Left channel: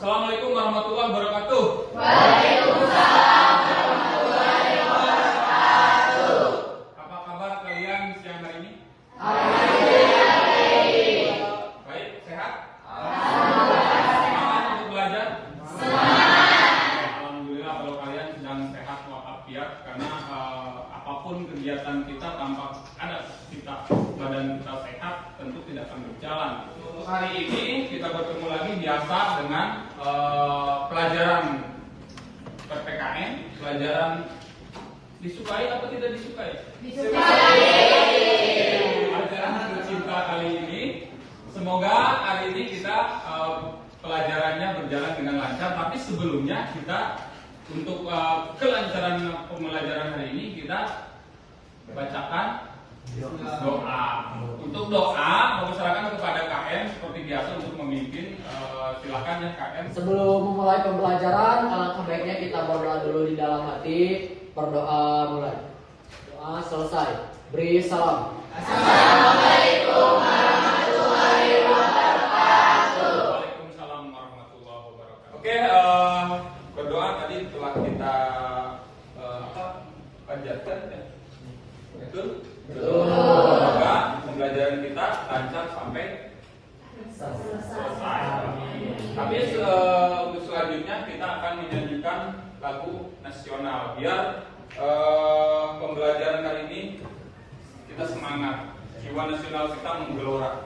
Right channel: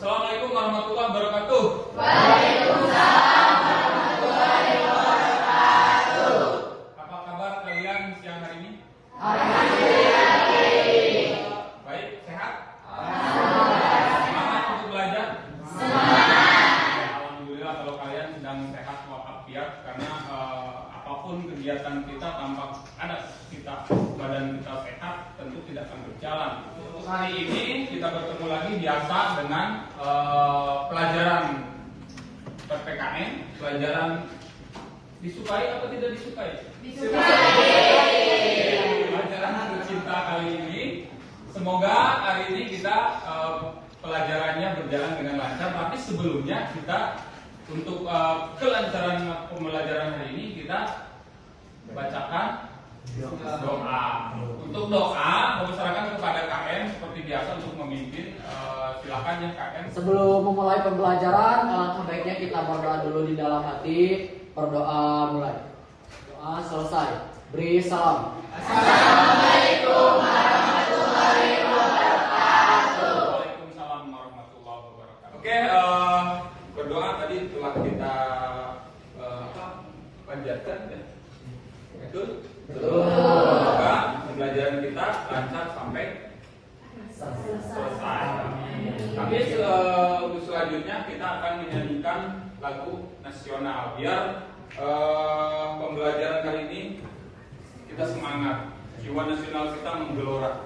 Assalamualaikum warahmatullahi wabarakatuh. Waalaikumsalam warahmatullahi wabarakatuh. Apa kabar kalian siang hari ini? Alhamdulillah baik. Baik, sehat? Alhamdulillah. Semangat untuk belajar? Semangat. Alhamdulillah kalau kalian sedang sehat walafiat, karena apapun kegiatan kita tanpa ada badan kita sehat tentu tidak akan berjalan. Untuk hari ini kita bertemu lagi biasa dengan pelajaran PPKN, pelajaran disukai atau tidak disukai? Pelajaran tercinta kali ini. Semoga hari ini kita pelajarannya berjalan dengan lancar. Tapi sebelumnya kita untuk kelancaran pembelajaran hari ini kita bacakan doa. Untuk doa, mempersilakan kepada KM seperti biasa untuk memimpin. Silakan ya KM. Sebelum memulai pembelajaran, alangkah baiknya kita berdoa dulu di dalam hati. Berdoa mulai. Doa selesai. Beri salam. Assalamualaikum warahmatullahi wabarakatuh. Waalaikumsalam warahmatullahi wabarakatuh. Oke, berdoa tadi telah kita panjatkan ya. Betul? Semoga pembelajaran kita lancar sampai selesai. Tapi selanjutnya kita akan menyanyikan lagu nasional biar pembelajaran kali ini kita semangat, jiwa nasional kita menggelora.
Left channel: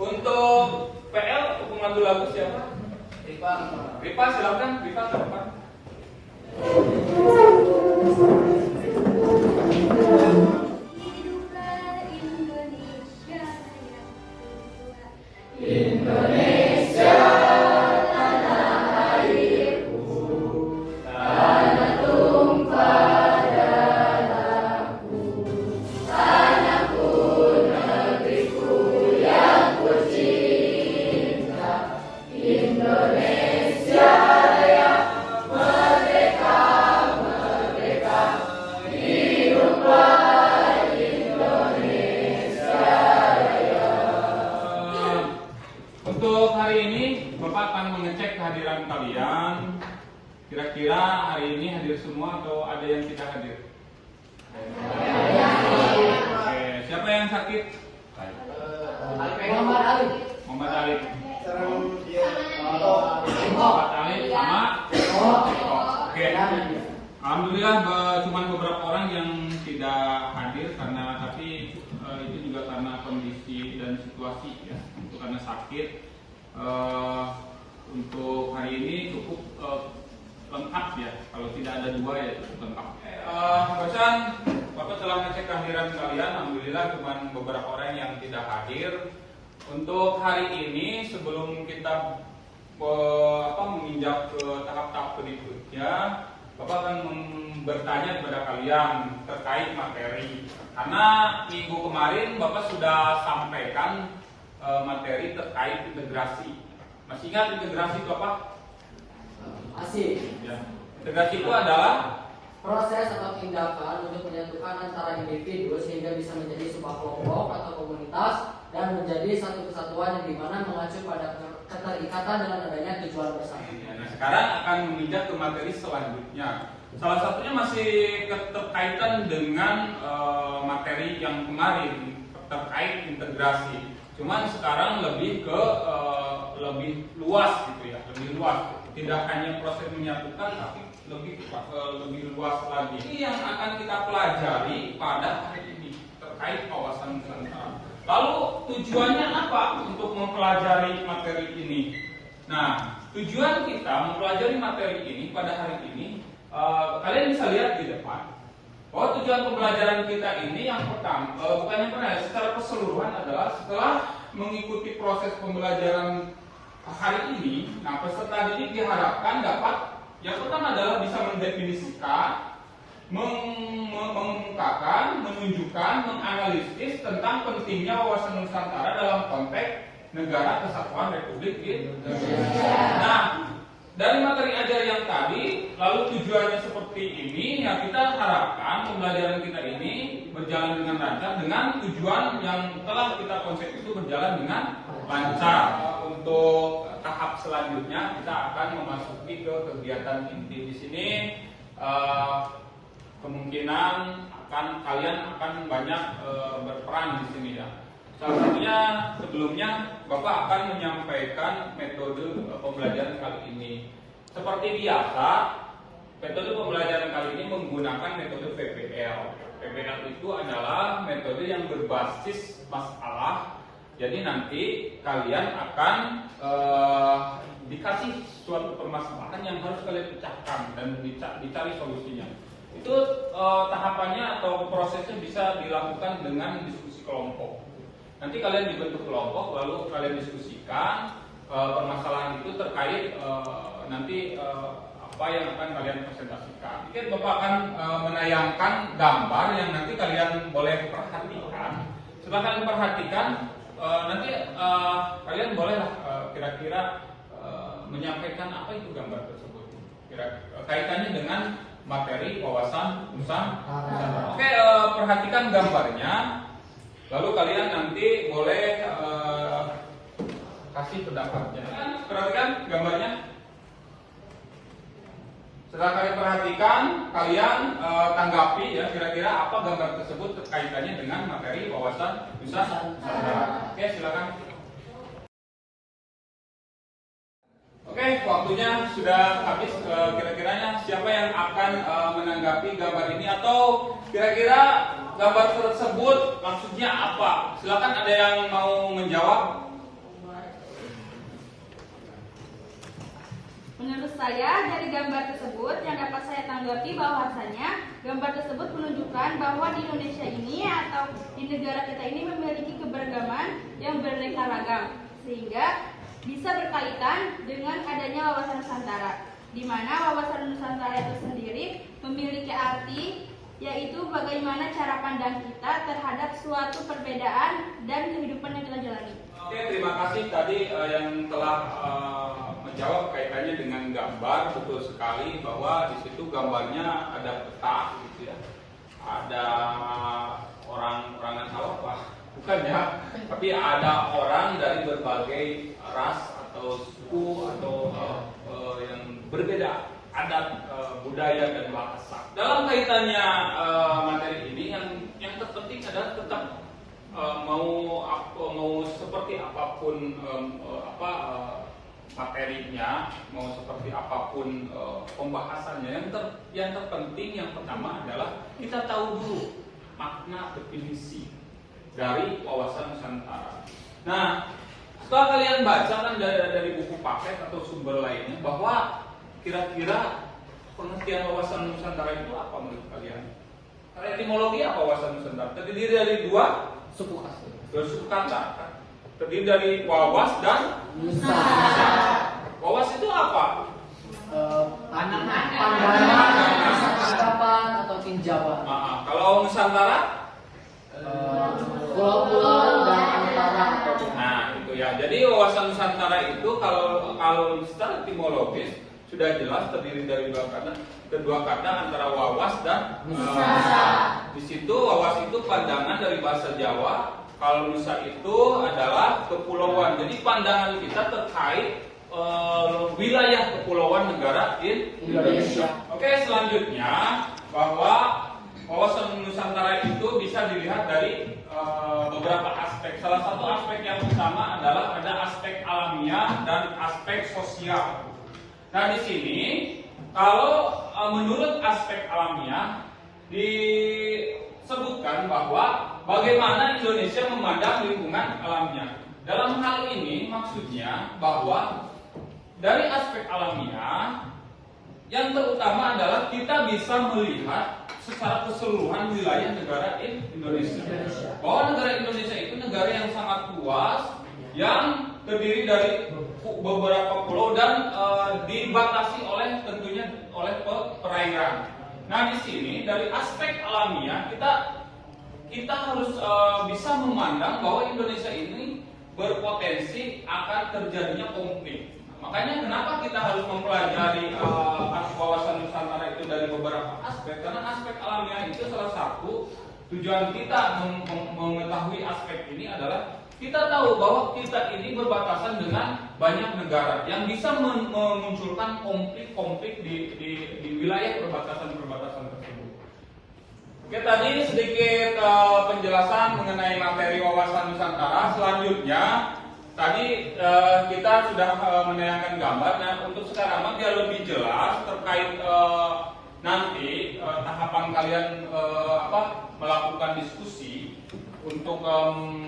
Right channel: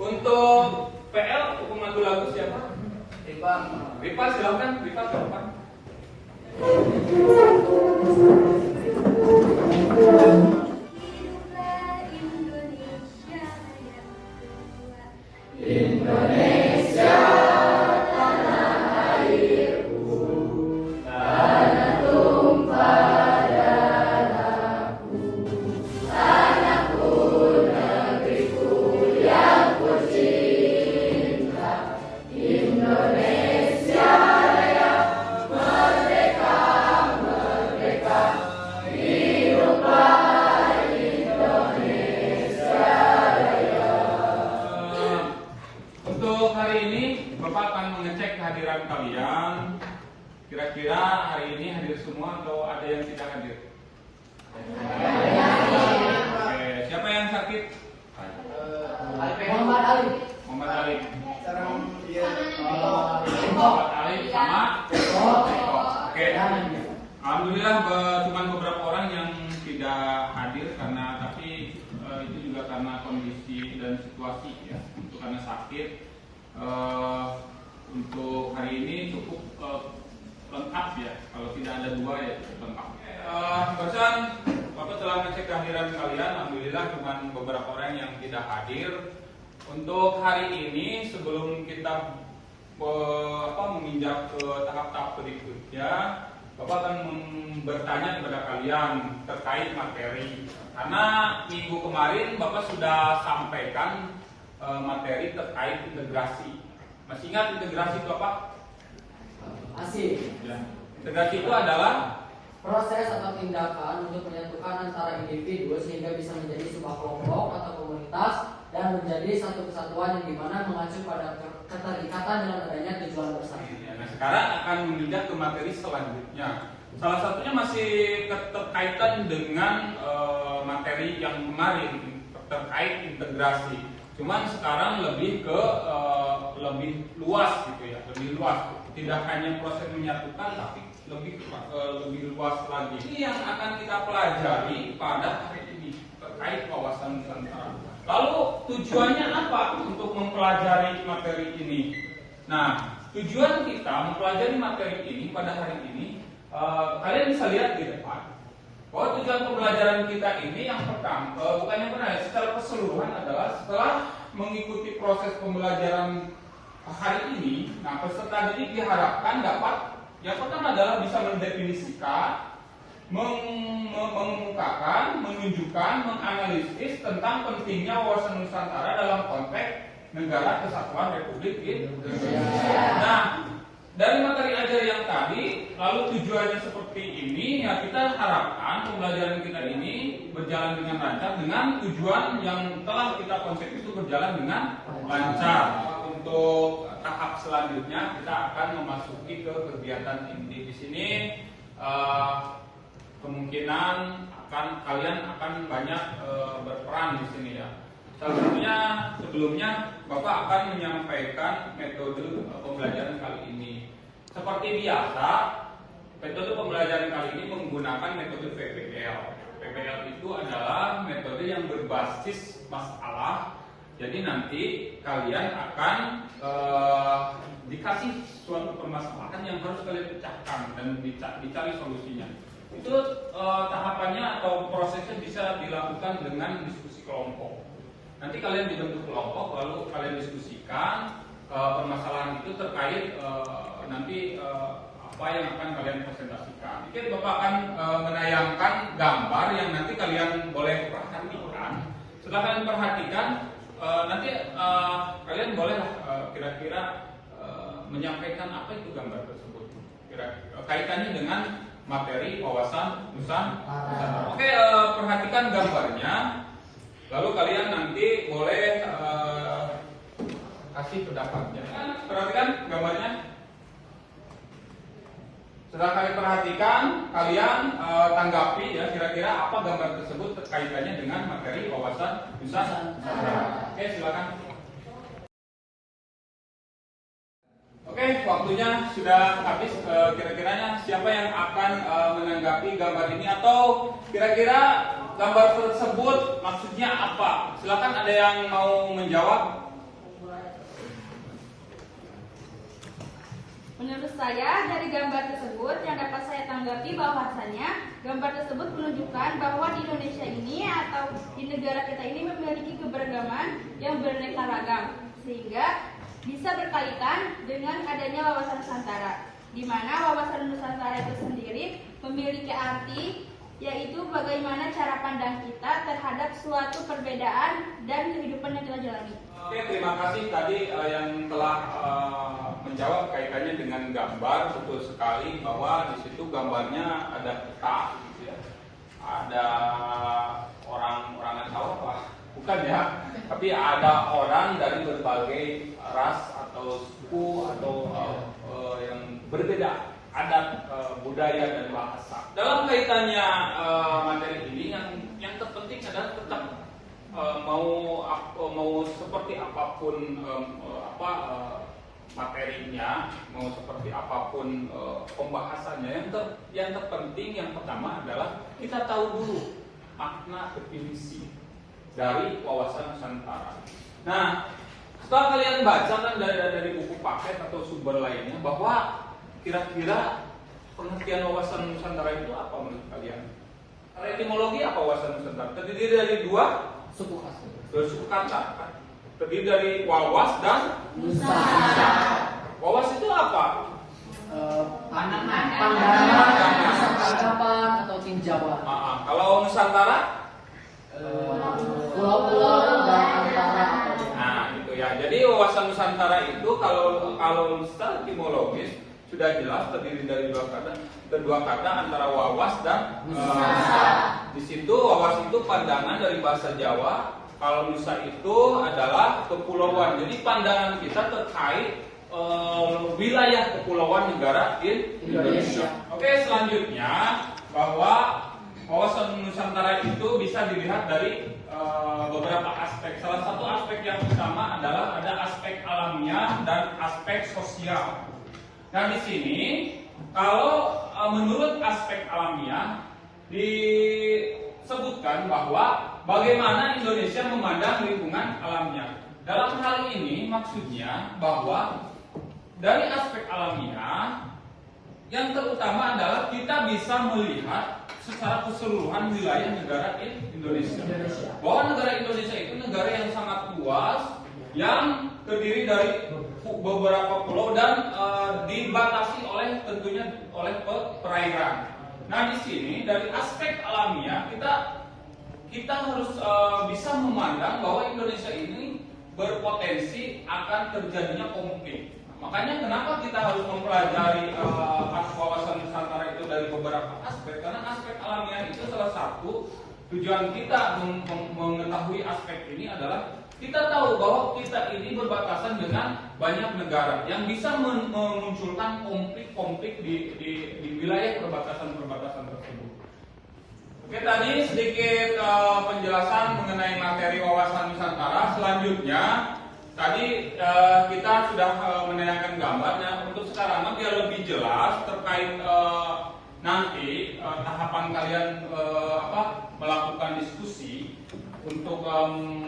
Untuk PL hukum lagu siapa? Rifa silakan, Rifa ke depan. Indonesia tanah airku, tanah tumpah darahku, tanahku negeriku yang ku cinta. Indonesia yang merdeka, merdeka, hiduplah Indonesia Raya. Untuk hari ini Bapak akan mengecek kehadiran kalian. Kira-kira hari ini hadir semua atau ada yang tidak hadir? Oke, siapa yang sakit? Muhammad Ali. Muhammad Ali. Muhammad Ali sama. Oke. Alhamdulillah cuma beberapa orang yang tidak hadir tapi itu juga karena kondisi dan situasi ya. Itu karena sakit. Untuk hari ini cukup lengkap ya. Kalau tidak ada dua ya cukup lengkap. Bosan, Bapak telah mengecek kehadiran kalian. Alhamdulillah cuma beberapa orang yang tidak hadir. Untuk hari ini sebelum kita menginjak ke tahap-tahap berikutnya, Bapak akan bertanya kepada kalian terkait materi. Karena minggu kemarin Bapak sudah sampaikan materi terkait integrasi. Masih ingat integrasi itu apa? Masih. Ya. Integrasi itu adalah Proses atau tindakan untuk menyatukan antara individu sehingga bisa menjadi sebuah kelompok atau komunitas dan menjadi satu kesatuan yang dimana mengacu pada keterikatan dengan adanya tujuan bersama. Nah, sekarang akan menginjak ke materi selanjutnya. Salah satunya masih keterkaitan dengan materi yang kemarin terkait integrasi. Cuman sekarang lebih ke lebih luas gitu ya, lebih luas. Tidak hanya proses menyatukan, tapi lebih luas lagi. Ini yang akan kita pelajari pada hari ini terkait kawasan Nusantara. Lalu tujuannya apa untuk mempelajari materi ini? Nah, tujuan kita mempelajari materi ini pada hari ini, kalian bisa lihat di depan bahwa tujuan pembelajaran kita ini yang pertama, bukan yang pertama, secara keseluruhan adalah setelah mengikuti proses pembelajaran hari ini, nah peserta didik diharapkan dapat yang pertama adalah bisa mendefinisikan, mengemukakan, menunjukkan, menganalisis tentang pentingnya wawasan Nusantara dalam konteks negara kesatuan Republik Indonesia. Nah, dari materi ajar yang tadi, lalu tujuannya seperti ini, ya kita harapkan pembelajaran kita ini berjalan dengan lancar dengan tujuan yang telah kita konsep itu berjalan dengan lancar. untuk tahap selanjutnya kita akan memasuki ke kegiatan inti. Di sini kemungkinan kalian akan banyak berperan di sini ya. Salah satunya sebelumnya Bapak akan menyampaikan metode pembelajaran kali ini. Seperti biasa, metode pembelajaran kali ini menggunakan metode PPL. PPL itu adalah metode yang berbasis masalah. Jadi nanti kalian akan dikasih suatu permasalahan yang harus kalian pecahkan dan dicari solusinya. Itu tahapannya atau prosesnya bisa dilakukan dengan diskusi kelompok. Nanti kalian dibentuk kelompok, lalu kalian diskusikan permasalahan itu terkait nanti apa yang akan kalian presentasikan. Mungkin Bapak akan menayangkan gambar yang nanti kalian boleh perhatikan. Setelah kalian perhatikan, nanti kalian boleh kira-kira menyampaikan apa itu gambar tersebut. Kaitannya dengan materi wawasan Nusantara. Oke, perhatikan gambarnya. Lalu kalian nanti boleh kasih pendapatnya. Perhatikan gambarnya. Setelah kalian perhatikan, kalian tanggapi ya kira-kira apa gambar tersebut kaitannya dengan materi wawasan Nusantara. Oke, silakan. Oke, waktunya sudah habis. Kira-kiranya siapa yang akan menanggapi gambar ini atau kira-kira gambar tersebut maksudnya apa? Silakan, ada yang mau menjawab? Menurut saya dari gambar tersebut yang dapat saya tanggapi bahwasanya gambar tersebut menunjukkan bahwa di Indonesia ini atau di negara kita ini memiliki keberagaman yang beraneka ragam sehingga bisa berkaitan dengan adanya wawasan Nusantara, di mana wawasan Nusantara itu sendiri memiliki arti yaitu bagaimana cara pandang kita terhadap suatu perbedaan dan kehidupan yang kita jalani. Oke, terima kasih tadi yang telah menjawab kaitannya dengan gambar. Betul sekali bahwa di situ gambarnya ada peta gitu ya. Ada orang-orangan sawah, bukan ya, tapi ada orang dari berbagai ras atau suku atau yang berbeda adat, budaya dan bahasa. Dalam kaitannya materi ini yang terpenting adalah tetap mau seperti apapun materinya, mau seperti apapun pembahasannya, yang terpenting yang pertama adalah kita tahu dulu makna definisi dari wawasan Nusantara. Nah, setelah kalian baca kan dari buku paket atau sumber lainnya bahwa kira-kira pengertian wawasan Nusantara itu apa menurut kalian? Etimologi apa wawasan Nusantara? Terdiri dari dua suku kata. Terdiri dari wawas dan nusa. Wawas itu apa? Pandangan, tanggapan atau tinjauan. Kalau Nusantara? Pulau-pulau dan antara. Nah, itu ya. Jadi wawasan Nusantara itu kalau secara etimologis sudah jelas terdiri dari kedua kata antara wawas dan nusa. Di situ wawas itu pandangan dari bahasa Jawa, kalau nusa itu adalah kepulauan. Jadi pandangan kita terkait wilayah kepulauan negara Indonesia. Oke, selanjutnya bahwa wawasan Nusantara itu bisa dilihat dari beberapa aspek. Salah satu aspek yang utama adalah ada aspek alamiah dan aspek sosial. Nah, di sini kalau menurut aspek alamiah disebutkan bahwa bagaimana Indonesia memandang lingkungan alamnya. Dalam hal ini maksudnya bahwa dari aspek alamiah yang terutama adalah kita bisa melihat secara keseluruhan wilayah negara Indonesia. Bahwa negara Indonesia itu negara yang sangat luas, yang terdiri dari beberapa pulau dan dibatasi oleh tentunya oleh perairan. Nah, di sini dari aspek alamiah kita harus bisa memandang bahwa Indonesia ini berpotensi akan terjadinya konflik. Makanya kenapa kita harus mempelajari wawasan Nusantara itu dari beberapa aspek? Karena aspek alamiah itu salah satu tujuan kita mengetahui aspek ini adalah Kita tahu bahwa kita ini berbatasan dengan banyak negara yang bisa memunculkan konflik-konflik di wilayah perbatasan-perbatasan tersebut. Oke, tadi sedikit penjelasan mengenai materi wawasan Nusantara. Selanjutnya, tadi kita sudah menayangkan gambar. Nah, untuk sekarang biar lebih jelas terkait nanti tahapan kalian melakukan diskusi untuk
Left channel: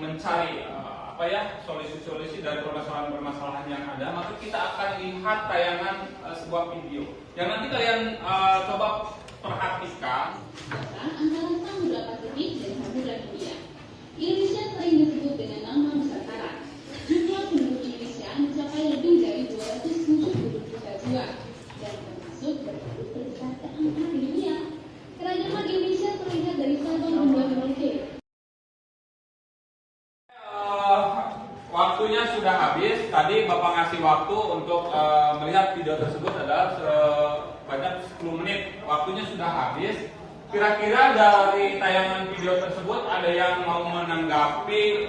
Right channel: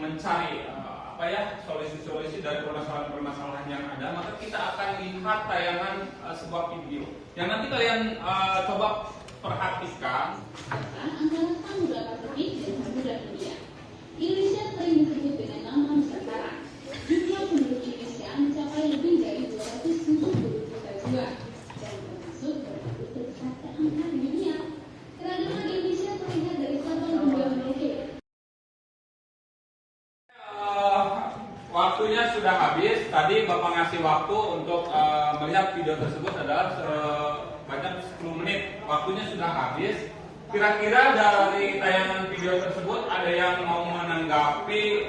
mencari solusi-solusi dari permasalahan-permasalahan yang ada, maka kita akan lihat tayangan sebuah video yang nanti kalian coba perhatikan. Antara Samudra Pasifik dan Samudra Hindia. Indonesia sering disebut dengan nama Nusantara. Jumlah penduduk Indonesia mencapai lebih dari 270 juta jiwa dan termasuk penduduk terbesar keempat di dunia. Keragaman Indonesia terlihat dari Sabang hingga Merauke. Waktunya sudah habis. Tadi Bapak ngasih waktu untuk melihat video tersebut adalah sebanyak 10 menit. Waktunya sudah habis. Kira-kira dari tayangan video tersebut ada yang mau menanggapi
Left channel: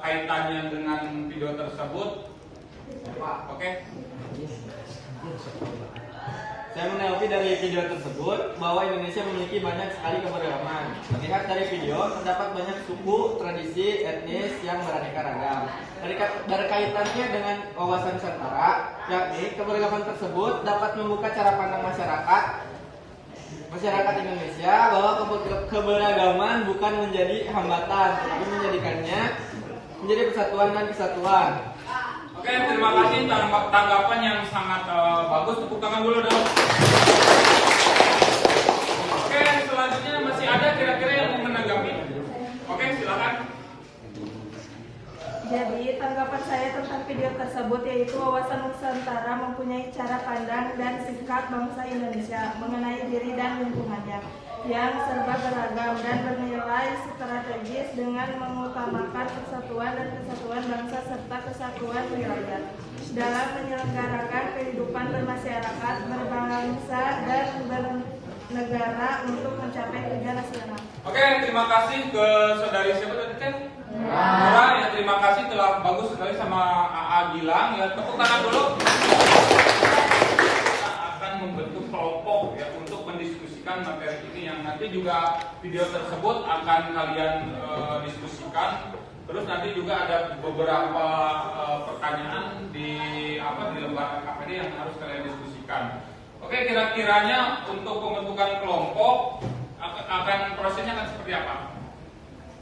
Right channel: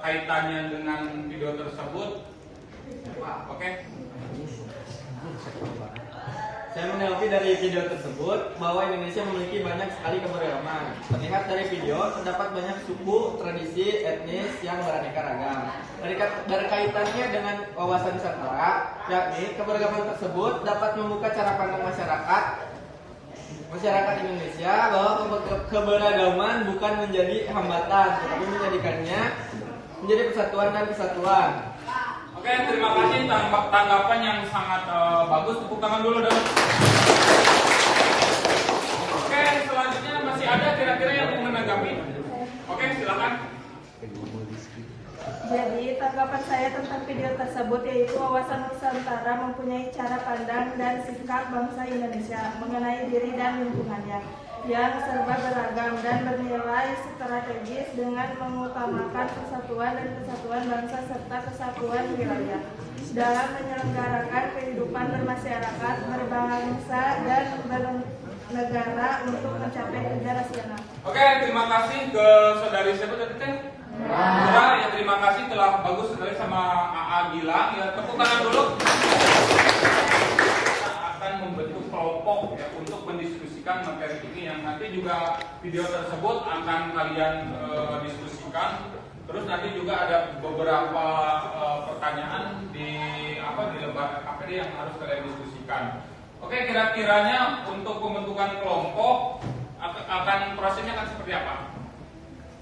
kaitannya dengan video tersebut? Oke. Saya menanggapi dari video tersebut bahwa Indonesia memiliki banyak sekali keberagaman. Terlihat dari video, terdapat banyak suku, tradisi, etnis yang beraneka ragam. Berkaitannya dengan wawasan Nusantara, yakni keberagaman tersebut dapat membuka cara pandang masyarakat Indonesia bahwa keberagaman bukan menjadi hambatan, tetapi menjadikannya menjadi persatuan dan kesatuan. Oke, terima kasih tanggapan yang sangat bagus. Tepuk tangan dulu dong. Oke, selanjutnya masih ada kira-kira yang mau menanggapi? Oke, silakan. Jadi tanggapan saya tentang video tersebut yaitu wawasan Nusantara mempunyai cara pandang dan sikap bangsa Indonesia mengenai diri dan lingkungannya yang serba beragam dan bernilai strategis dengan mengutamakan persatuan dan kesatuan bangsa serta kesatuan wilayah dalam menyelenggarakan kehidupan bermasyarakat, berbangsa dan bernegara untuk mencapai tujuan nasional. Oke, terima kasih ke saudari siapa tadi Teh? Nora, ya terima kasih telah bagus sekali sama AA Gilang. Ya tepuk tangan dulu. Kita akan membentuk kelompok ya untuk mendiskusikan materi ini yang nanti juga video tersebut akan kalian diskusikan. Terus nanti juga ada beberapa pertanyaan di lembar KPD yang harus kalian diskusikan. Oke, kira-kiranya untuk pembentukan kelompok akan prosesnya akan seperti apa?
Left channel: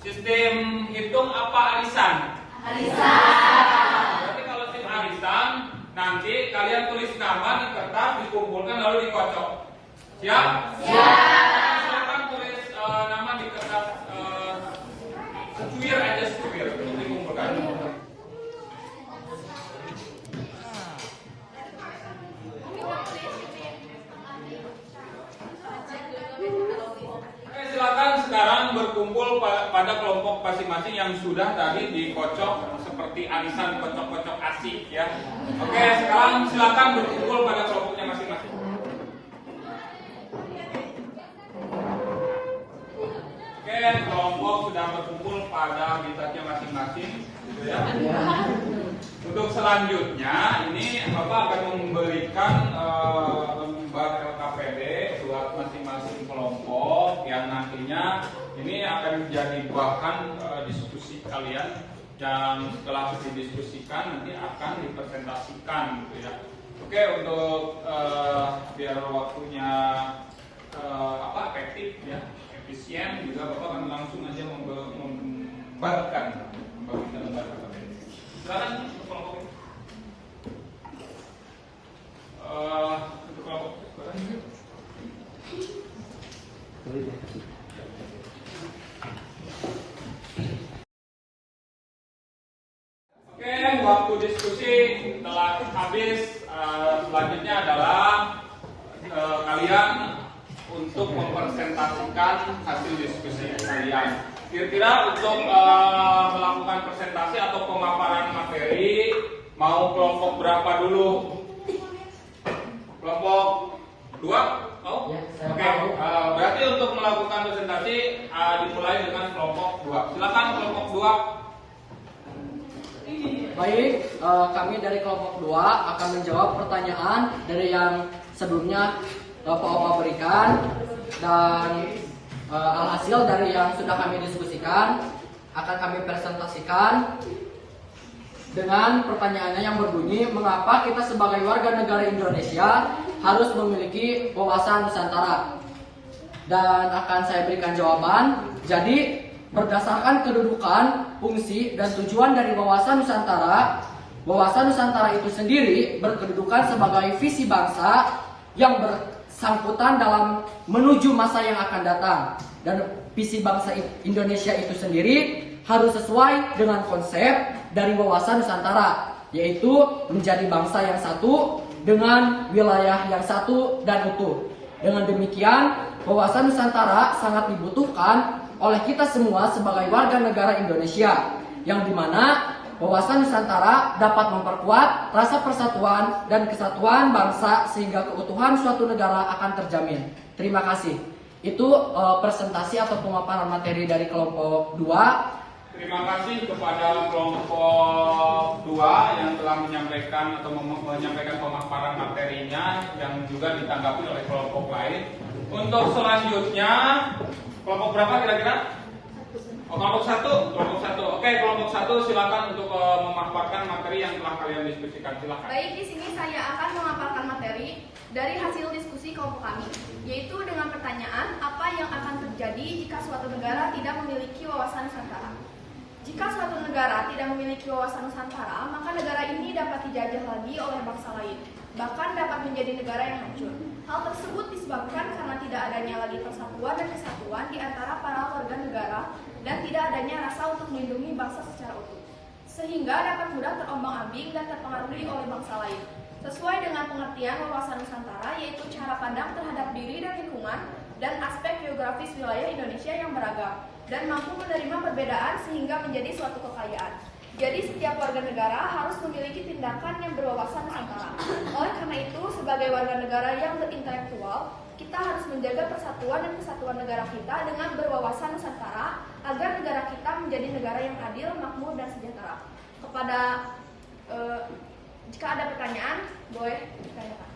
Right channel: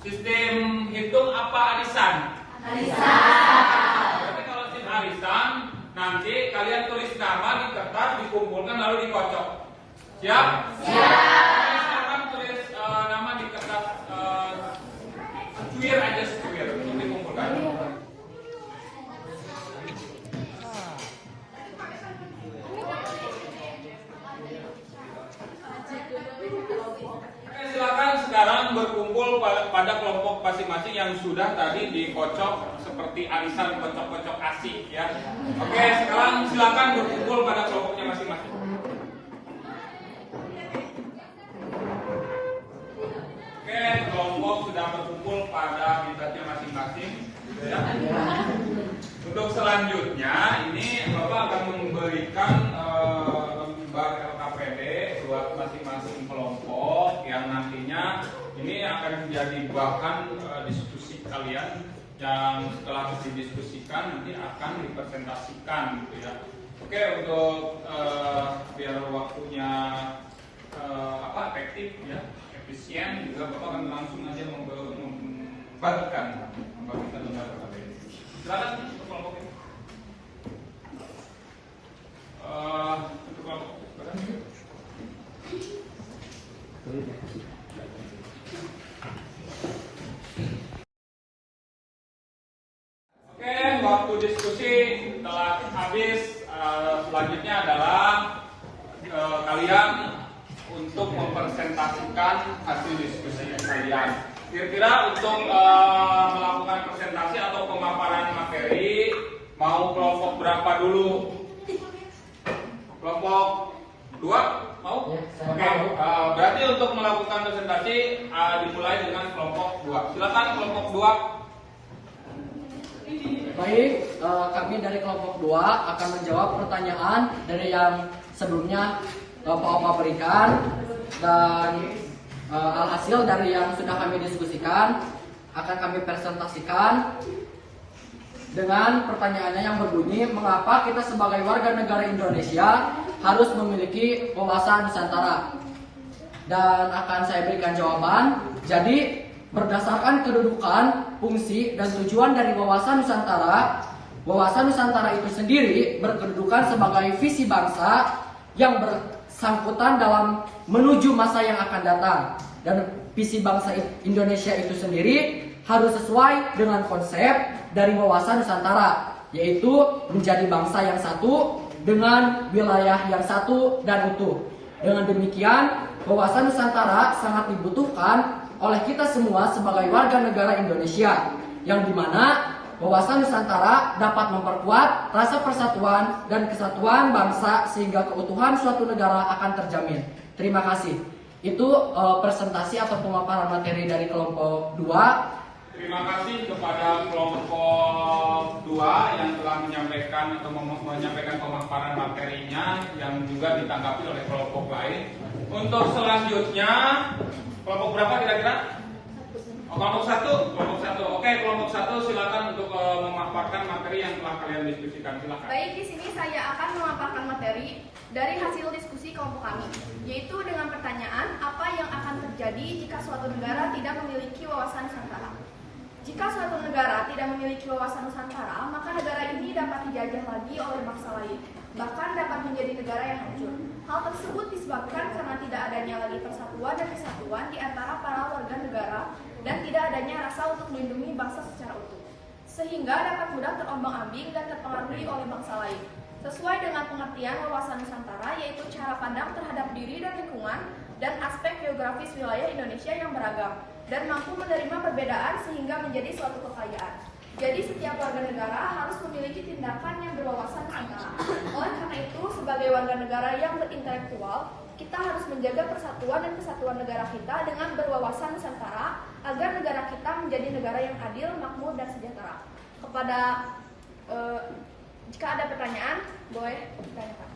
Sistem hitung apa arisan? Arisan. Berarti kalau tim arisan, nanti kalian tulis nama di kertas, dikumpulkan lalu dikocok. Siap? Siap. Silakan tulis nama di kertas secuir aja secuir untuk dikumpulkan. Silakan sekarang berkumpul pada kelompok masing-masing yang sudah tadi dikocok seperti arisan kocok-kocok asik ya. Oke, sekarang silakan berkumpul pada kelompoknya masing-masing. Oke, kelompok sudah berkumpul pada habitatnya masing-masing ya. Untuk selanjutnya ini Bapak akan memberikan lembar LKPD buat masing-masing kelompok yang nantinya ini akan menjadi bahan diskusi kalian yang setelah didiskusikan nanti akan dipresentasikan gitu ya. Oke, untuk biar waktunya efektif ya, efisien juga Bapak akan langsung aja membagikan lembar LKPD. Silakan untuk kelompok ini. Untuk kelompok Oke, waktu diskusi telah habis. Selanjutnya adalah kalian untuk mempresentasikan hasil diskusi kalian. Kira-kira untuk melakukan presentasi atau pemaparan materi, mau kelompok berapa dulu? Kelompok 2? Mau? Ya, Oke, berarti untuk melakukan presentasi dimulai dengan kelompok 2. Silakan kelompok 2. Baik, kami dari kelompok 2 akan menjawab pertanyaan dari yang sebelumnya Pak Opa berikan, dan alhasil dari yang sudah kami diskusikan akan kami presentasikan dengan pertanyaannya yang berbunyi, mengapa kita sebagai warga negara Indonesia harus memiliki wawasan Nusantara? Dan akan saya berikan jawaban. Jadi berdasarkan kedudukan, fungsi, dan tujuan dari wawasan Nusantara itu sendiri berkedudukan sebagai visi bangsa yang bersangkutan dalam menuju masa yang akan datang. Dan visi bangsa Indonesia itu sendiri harus sesuai dengan konsep dari wawasan Nusantara, yaitu menjadi bangsa yang satu dengan wilayah yang satu dan utuh. Dengan demikian, wawasan Nusantara sangat dibutuhkan oleh kita semua sebagai warga negara Indonesia, yang dimana wawasan Nusantara dapat memperkuat rasa persatuan dan kesatuan bangsa sehingga keutuhan suatu negara akan terjamin. Terima kasih. Itu presentasi atau pemaparan materi dari kelompok 2. Terima kasih kepada kelompok 2 yang telah menyampaikan pemaparan materinya yang juga ditanggapi oleh kelompok lain. Untuk selanjutnya, kelompok berapa kira-kira? Kelompok 1. Oke, kelompok 1 silakan untuk memaparkan materi yang telah kalian diskusikan. Silakan. Baik, di sini saya akan memaparkan materi dari hasil diskusi kelompok kami, yaitu dengan pertanyaan apa yang akan terjadi jika suatu negara tidak memiliki wawasan Nusantara. Jika suatu negara tidak memiliki wawasan Nusantara, maka negara ini dapat dijajah lagi oleh bangsa lain, bahkan dapat menjadi negara yang hancur. Hal tersebut disebabkan karena tidak adanya lagi persatuan dan kesatuan di antara para warga negara dan tidak adanya rasa untuk melindungi bangsa secara utuh, sehingga dapat mudah terombang-ambing dan terpengaruhi oleh bangsa lain. Sesuai dengan pengertian wawasan Nusantara, yaitu cara pandang terhadap diri dan lingkungan dan aspek geografis wilayah Indonesia yang beragam dan mampu menerima perbedaan sehingga menjadi suatu kekayaan. Jadi setiap warga negara harus memiliki tindakan yang berwawasan Nusantara. Oleh karena itu, sebagai warga negara yang berintelektual, kita harus menjaga persatuan dan kesatuan negara kita dengan berwawasan Nusantara agar negara kita menjadi negara yang adil, makmur, dan sejahtera. Jika ada pertanyaan, boleh ditanyakan.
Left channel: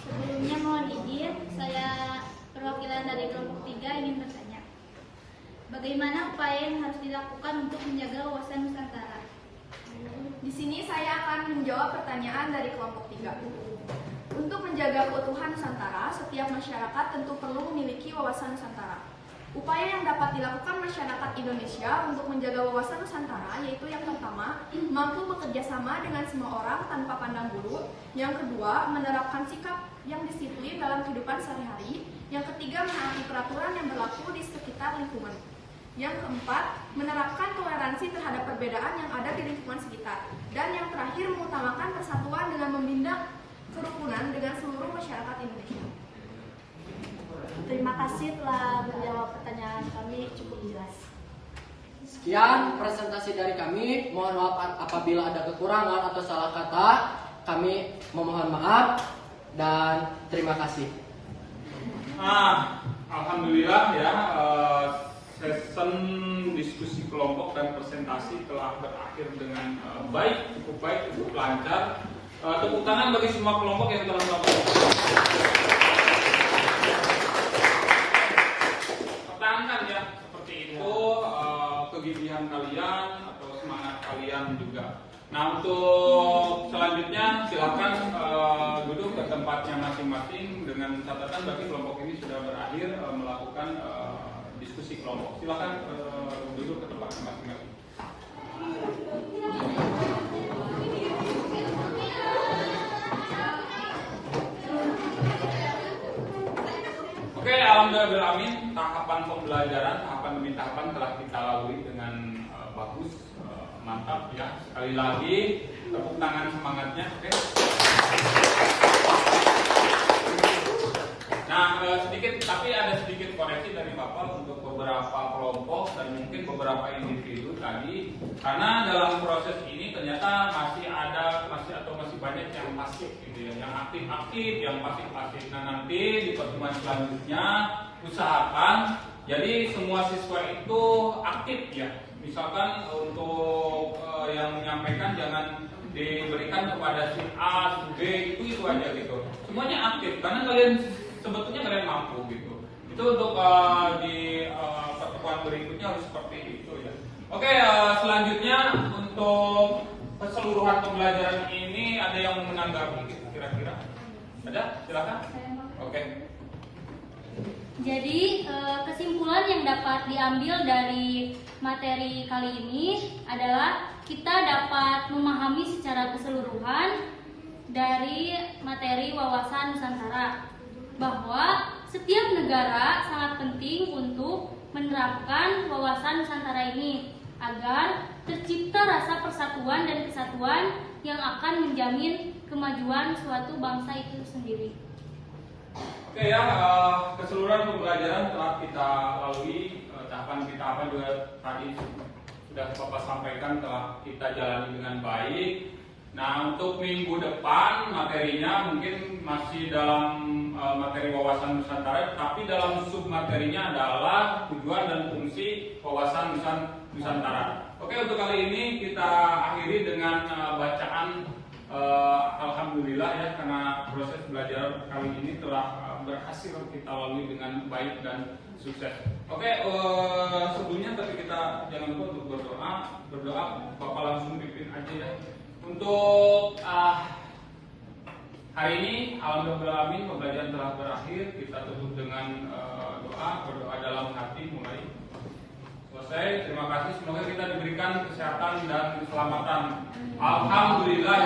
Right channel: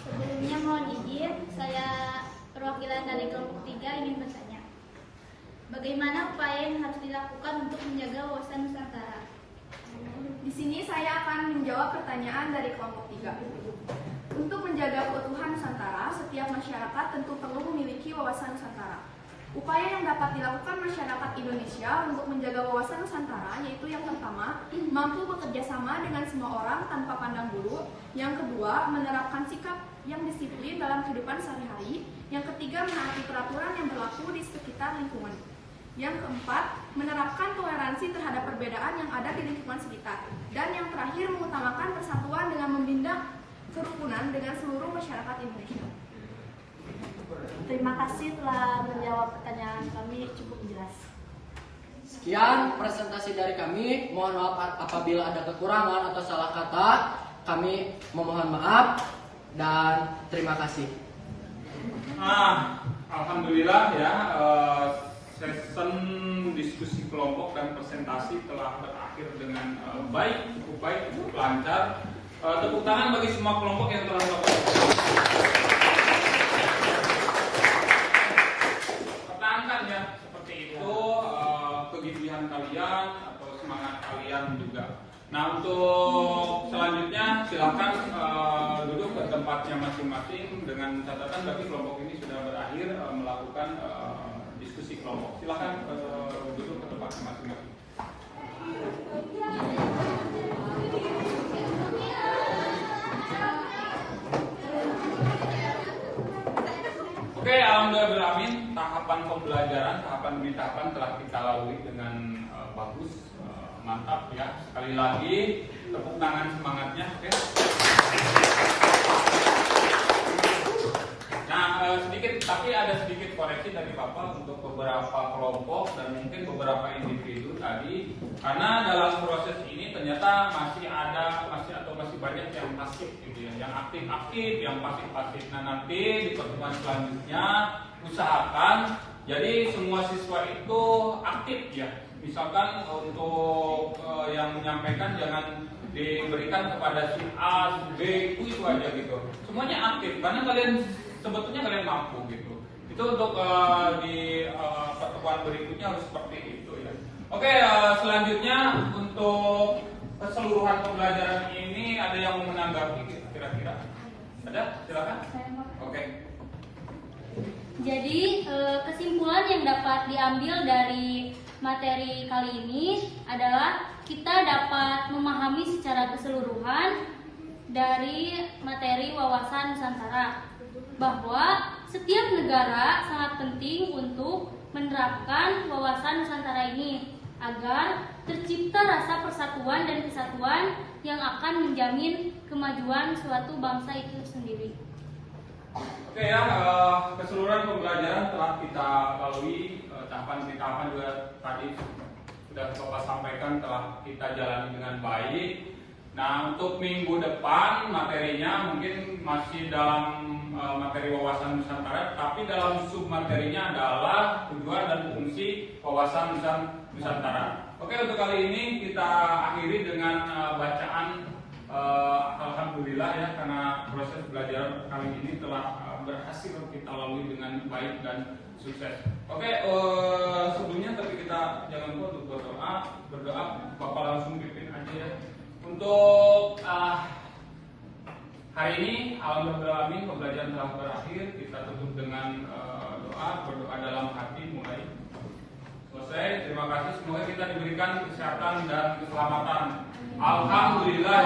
Sebelumnya mohon izin, saya perwakilan dari kelompok 3 ingin bertanya. Bagaimana upaya yang harus dilakukan untuk menjaga wawasan Nusantara? Di sini saya akan menjawab pertanyaan dari kelompok 3. Untuk menjaga keutuhan Nusantara, setiap masyarakat tentu perlu memiliki wawasan Nusantara. Upaya yang dapat dilakukan masyarakat Indonesia untuk menjaga wawasan Nusantara yaitu yang pertama, mampu bekerja sama dengan semua orang tanpa pandang bulu. Yang kedua, menerapkan sikap yang disiplin dalam kehidupan sehari-hari. Yang ketiga, menaati peraturan yang berlaku di sekitar lingkungan. Yang keempat, menerapkan toleransi terhadap perbedaan yang ada di lingkungan sekitar. Dan yang terakhir, mengutamakan persatuan dengan membina kerukunan dengan seluruh masyarakat Indonesia. Terima kasih telah menjawab pertanyaan kami cukup jelas. Sekian presentasi dari kami. Mohon maaf apabila ada kekurangan atau salah kata. Kami memohon maaf dan terima kasih. Alhamdulillah ya, session diskusi kelompok dan presentasi telah berakhir dengan baik, cukup lancar. Tepuk tangan bagi semua kelompok yang telah melakukan. Pertahankan ya seperti itu kegigihan kalian atau semangat kalian juga. Nah, untuk selanjutnya silakan duduk ke tempatnya masing-masing dengan catatan bagi kelompok ini sudah berakhir melakukan diskusi kelompok. Silakan duduk ke tempatnya masing-masing. Oke, alhamdulillah, tahapan pembelajaran, tahapan demi tahapan telah kita lalui dengan bagus, mantap ya. Sekali lagi, tepuk tangan semangatnya, oke. Nah, tapi ada sedikit koreksi dari Bapak untuk beberapa kelompok dan mungkin beberapa individu tadi, karena dalam proses ini ternyata masih banyak yang pasif gitu ya, yang aktif, yang pasif. Nah, nanti di pertemuan selanjutnya usahakan Jadi semua siswa itu aktif ya. Misalkan untuk yang menyampaikan jangan diberikan kepada si A, si B, itu aja gitu. Semuanya aktif karena sebetulnya kalian mampu gitu. Itu untuk di pertemuan berikutnya harus seperti itu ya. Oke, selanjutnya untuk keseluruhan pembelajaran ini ada yang mau menanggapi kira-kira? Ada? Silakan. Oke. Jadi kesimpulan yang dapat diambil dari materi kali ini adalah kita dapat memahami secara keseluruhan dari materi wawasan Nusantara bahwa setiap negara sangat penting untuk menerapkan wawasan Nusantara ini agar tercipta rasa persatuan dan kesatuan yang akan menjamin kemajuan suatu bangsa itu sendiri. Oke ya, keseluruhan pembelajaran telah kita lalui, tahapan juga tadi sudah Bapak sampaikan telah kita jalani dengan baik. Nah, untuk minggu depan materinya mungkin masih dalam materi wawasan Nusantara, tapi dalam submaterinya adalah tujuan dan fungsi wawasan Nusantara. Oke, untuk kali ini kita akhiri dengan bacaan alhamdulillah ya, karena proses belajar kali ini telah berhasil kita lalui dengan baik dan sukses. Oke, sebelumnya tapi kita jangan lupa untuk berdoa. Bapak langsung pimpin aja ya. Untuk hari ini alhamdulillah pembelajaran telah berakhir. Kita tutup dengan berdoa dalam hati mulai selesai. Terima kasih, semoga kita diberikan kesehatan dan keselamatan. Alhamdulillah.